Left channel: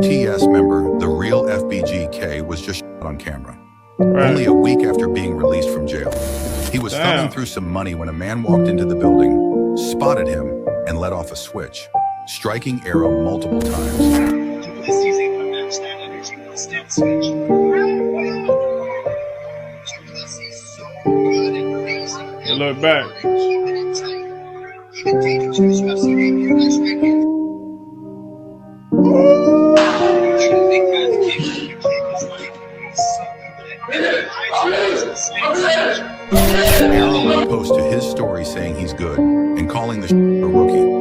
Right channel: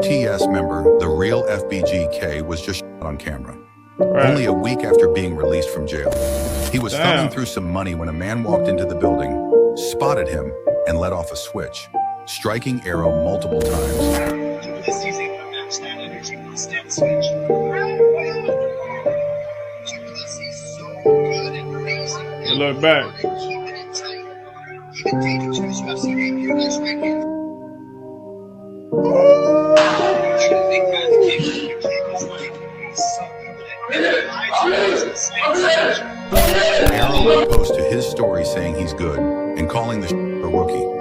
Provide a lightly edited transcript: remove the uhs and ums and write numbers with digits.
TS member, the real FBGK, was just shot on camera. Right. Only a week after being released from jail. He was thumbing through some money when a man walked into the building, spotted him, and let off a switch, striking Arrow multiple times. You look back. Arrow would post to his story saying he's good and calling the a rookie.